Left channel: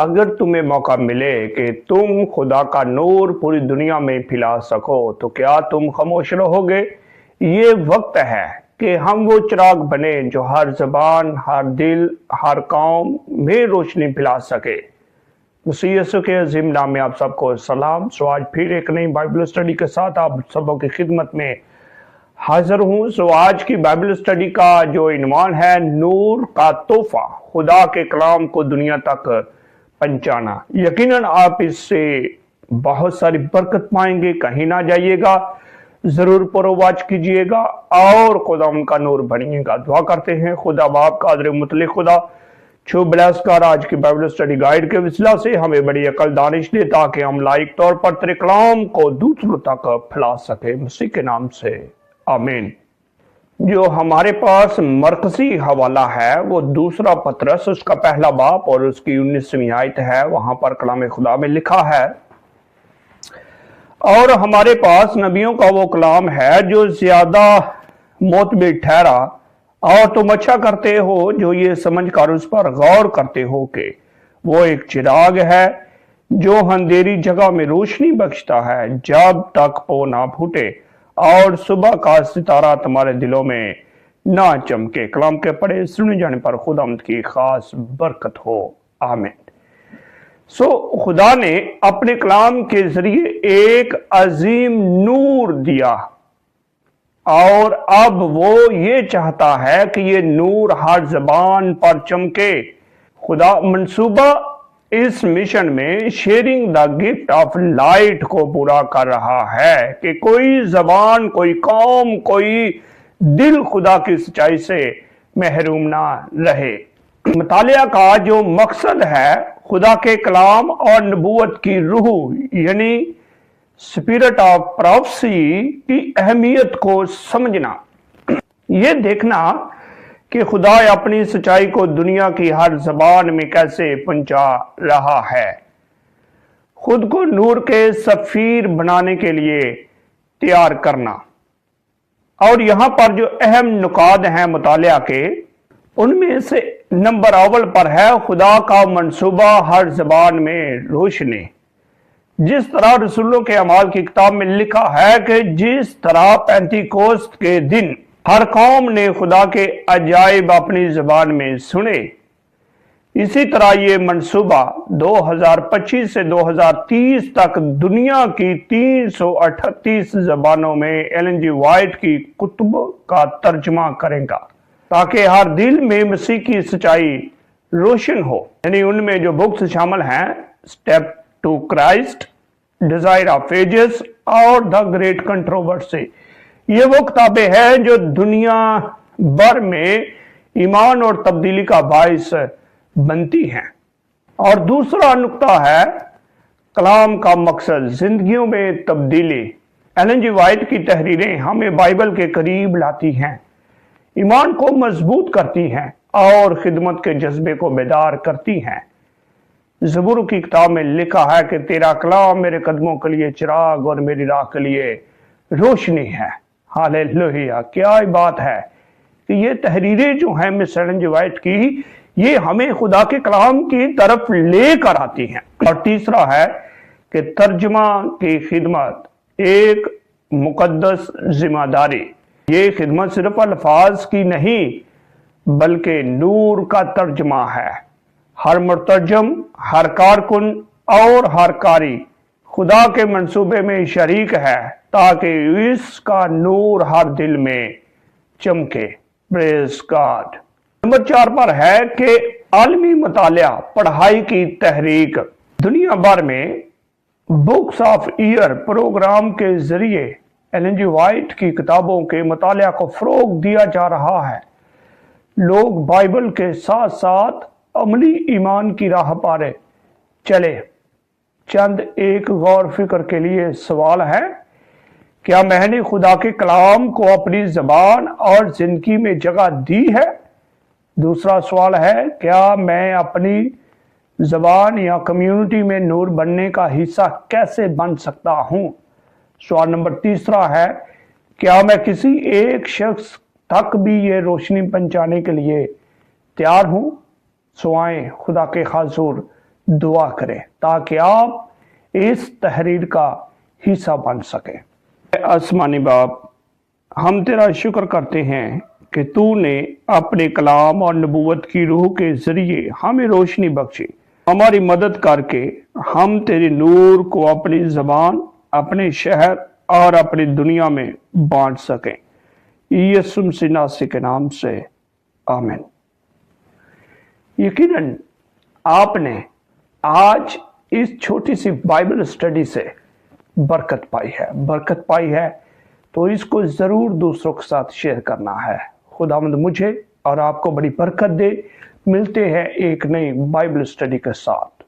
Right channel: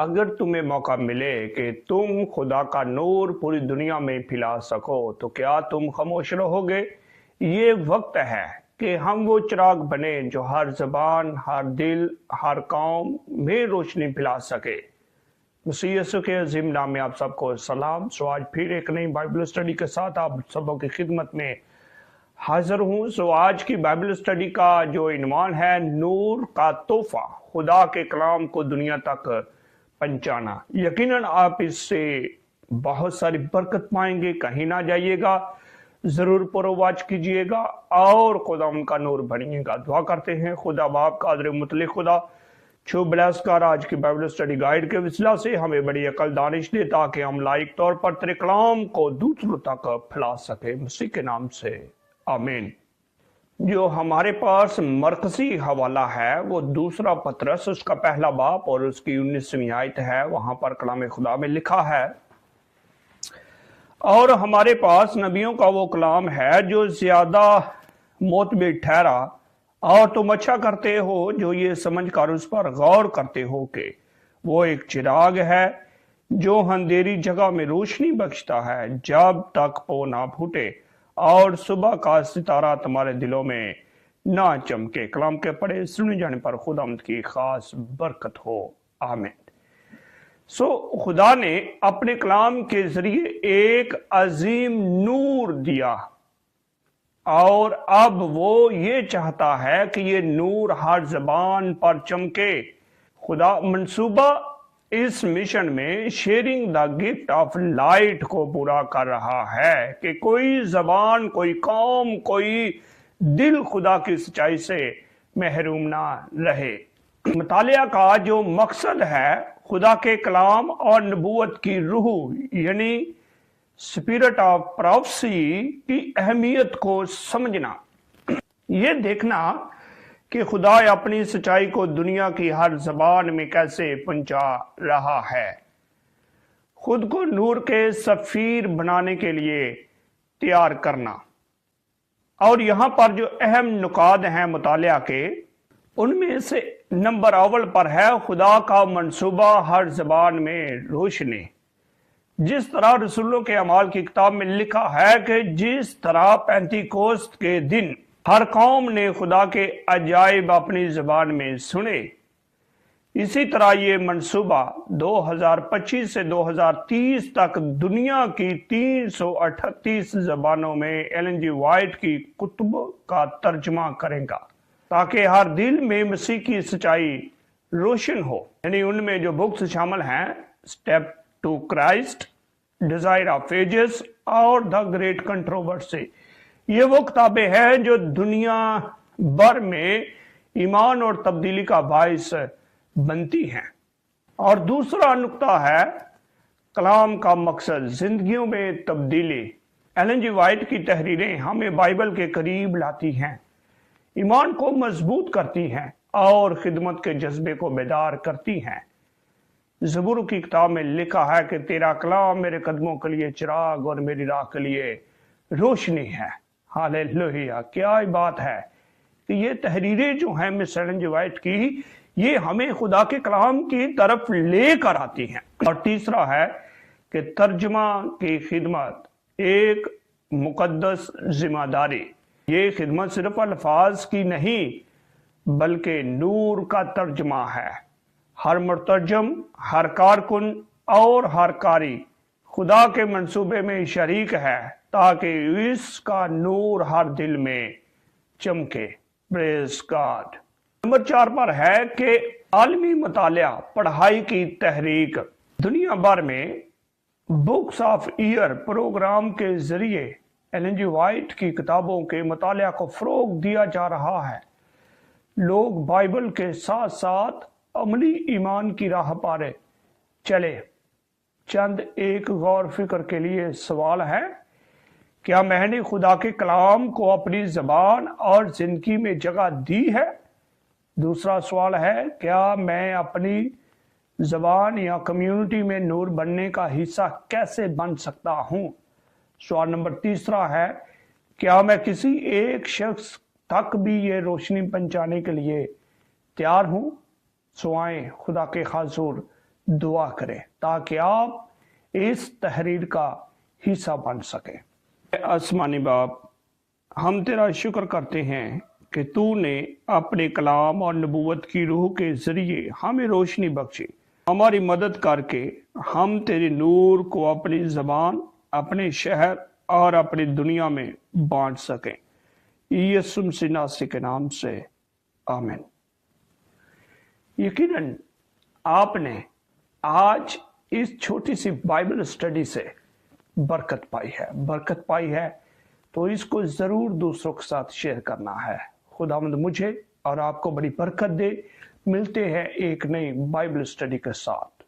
अगर तुम्हें मौका मिले कि तुम खुदा का नूर पूरी दुनिया में फैला सको तो क्या तुम खामोश रहोगे? ये वक्त है कि हम वो चिराग बने जो हर जबान, हर दिल, हर कौम में रोशनी फैला सके। मसीह यीशु के अजीम नाम में आप सबको सलाम। सो आज फिर एक नई बाइबल स्टडी के साथ आप सबों की खिदमत में हाजिर हूँ। सो आज की बाइबल स्टडी का जो इन्वान है, नूर का तोहफा, खुदा के कलाम को दुनिया तक पहुंचाना। यकीनन आप इससे बहुत सारी बरकत पाएंगे। कहीं ना जाइएगा, जरूर पुरवाच कीजिएगा और खुदा उनका नूर बनिएगा। दुआ करते हैं खुदा बाप कादर मुतले खुदा छो ब्लेस कर आज की बाइबल स्टडी गाइड के वसीला से हमें बड़ी अकल दानिश दे, ताकि हम लाइक तौर पर तेरे कलाम को दूसरों तक फैला सके। मसीह के नाम से आमीन। जो हमारे पास मरकजी हवाला है वो दूसरा पतरस उसका पहला बाप और उसकी 19वीं आयत है। वहां पर कलाम खुदा में लिखा है, और हमारे पास नबियों का वो कलाम है जो ज्यादा मोतबर ठहरा, और तुम अच्छा करते हो जो ये समझकर उस पर गौर करते हो कि वो एक चिराग है जो अंधेरी जगह में रोशनी बख्शता है, जब तक पो ना फूटे और सुबह का सितारा तुम्हारे दिलों में ना चमके। कलाम के पढ़े सुने जाने पर खुदावंद की खास बरकत हो। आमीन। खुदा ने अपने कलाम के जरिए एक अजीम नूर दिया, और अब वो ये चाहता है कि ये नूर हर जबान पर चमके। खुदा मंसूबा इस मिशन में sharing the gift of light को पूरा कर रहा है कि कोई जबान, कोई कौम, कोई दिल खुदा की सच्चाई से महरूम ना रहे। मुतालिया का जो मकसद है, खुदा के कलाम और नबूवत की रूह यानी स्पिरिट ऑफ प्रोफेसी की अहमियत को समझना, ये देखना कि खुदा अपनी सच्चाई को दुनिया की हर जबान में कैसे पहुंचा रहा है। खुद को नूर के सफीर बनाने के लिए तैयार करना। और यहां पर जो अहम नुकात हैं मुतालिया के, उनमें से नंबर अव्वल पर है खुदा का मंसूबा हर जबान में रोशनी। जिस तरह रसूलों के अमाल की किताब में लिखा है कि जिस तरह पेंतीकोस्त के दिन हर कौम ने खुदा के अजाइब अपनी जबान में सुने, इसी तरह ये मंसूबा 2025 से 2030 तक दुनिया की 338 जबानों में एलन जी वाइट की कुतुब का तर्जमा करेगा, ताकि हर दिल में मसीह की सच्चाई रोशन हो। यानी उनमें जो बुक्स शामिल हैं, step to Christ, desire of ages और द ग्रेट कंट्रोवर्सी। ये वो किताबें हैं जो दुनिया भर में ईमान और तब्दीली का बाइस बनती हैं। और दूसरा नुक्ता है कलाम का मकसद, जिंदगियों में तब्दीली। एलन जी वाइट की तहरीरें हमें बाइबल के करीब लाती हैं, ईमान को मजबूत करती हैं और खिदमत के जज्बे को बेदार करती हैं। ज़बूर की किताब में लिखा है कि तेरा कलाम मेरे कदमों के लिए चिराग और मेरी राह के लिए रोशनी है। हालेलुया। क्या बात है कि ये तहरीरें जो हैं मिस एलन जी वाइट की, ये हमें खुदा के कलाम की तरफ लेकर आती हैं। और तीसरा है कि तर्जमा की खिदमत एक मुकद्दस जिम्मेदारी। ये खिदमत सिर्फ अल्फाज की नहीं बल्कि नूर का तर्जमा है। हर मुतरजम, हर कारकुन और हर कारी खुदा के मंसूबे में शरीक है, ताकि इसका नूर हर दिल में चमके। Praise God. नंबर 4 पर है कि आलमी मुतालिया पढ़ाई की तहरीक। दुनिया भर में बुक्स ऑफ ईयर प्रोग्राम के जरिए एलन जी वाइट की किताबों के मुतालिया को फरोग दिया जा रहा है। लोग बाइबल के साथ साथ अमली ईमान की राह पर चले। चंद एक गौर फिक्र के लिए सवाल है, क्या मैंने खुदा के कलाम को अपनी जबान और जिंदगी में जगह दी है? दूसरा सवाल है, क्या मैं अपनी जबान या कम्युनिटी में नूर बनने का हिस्सा कैसे बन सकता हूं? सवाल नंबर तीसरा है, क्या मैं किसी एक शख्स तक भी ये रोशनी पहुंचाने के लिए तैयार हूं? सो आए खुदा के हाज़ुर दुआ करें ताकि आप इस तहरीर का हिस्सा बन सकें। आसमानी बाप, हम तेरा शुक्र करते हैं कि तूने अपने कलाम और नबूवत की रूह के जरिए हमें रोशनी बख्शी, हमारी मदद करके हम तेरे नूर को अपनी जबान, अपने शहर और अपनी दुनिया में बांट सकें। यीशु मसीह नासरी के नाम से आमीन। यकीनन आपने आज इस छोटी सी बाइबल स्टडी से बरकत पाई है, तो इसको जरूर दूसरों के साथ शेयर करना है। खुदावंद मुझे और आपको बड़ी बरकत दे। मिलते हैं एक नई बाइबल स्टडी के साथ।